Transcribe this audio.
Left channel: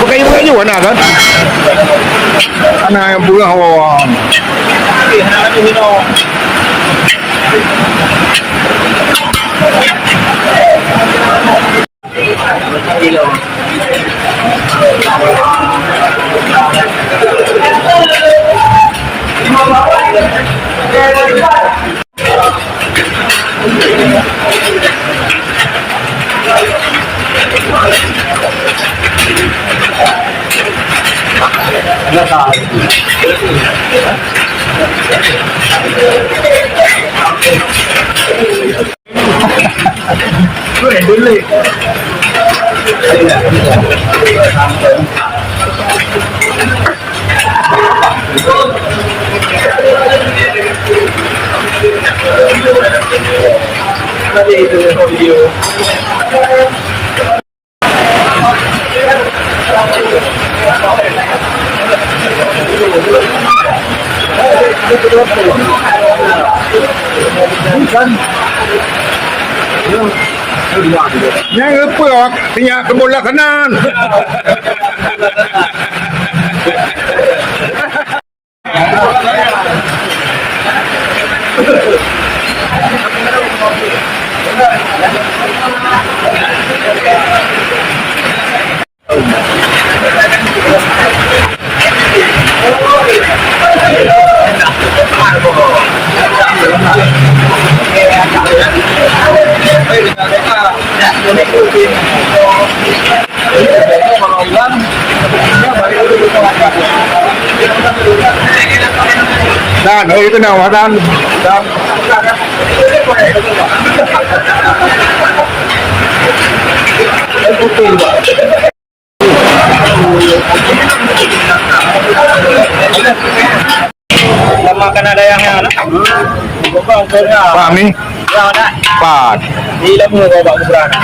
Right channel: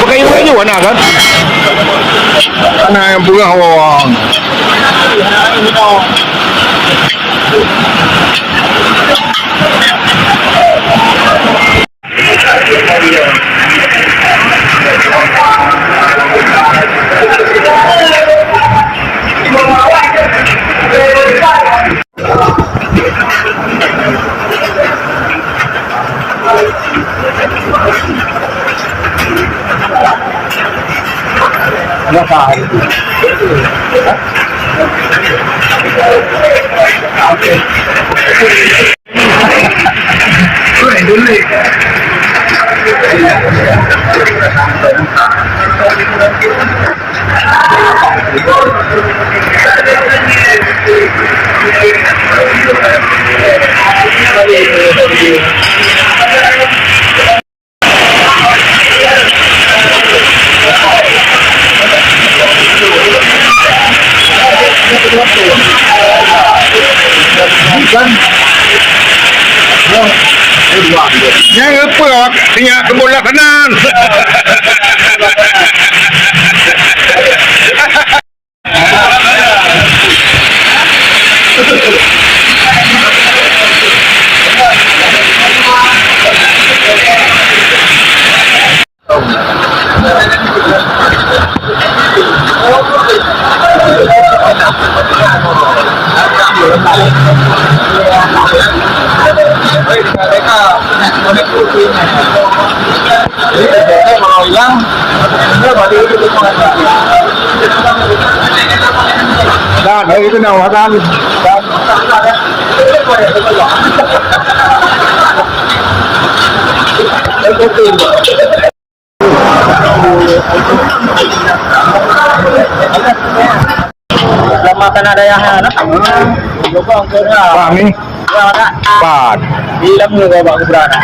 Magkaiwan agad. Ano yung bugang hawawang? Yang apa? Tinggal kebola kanan. Dan, itu nak dan. Lama kan ada yang anak. Pak ni. Pak. Di dalam ni bawa ke berana.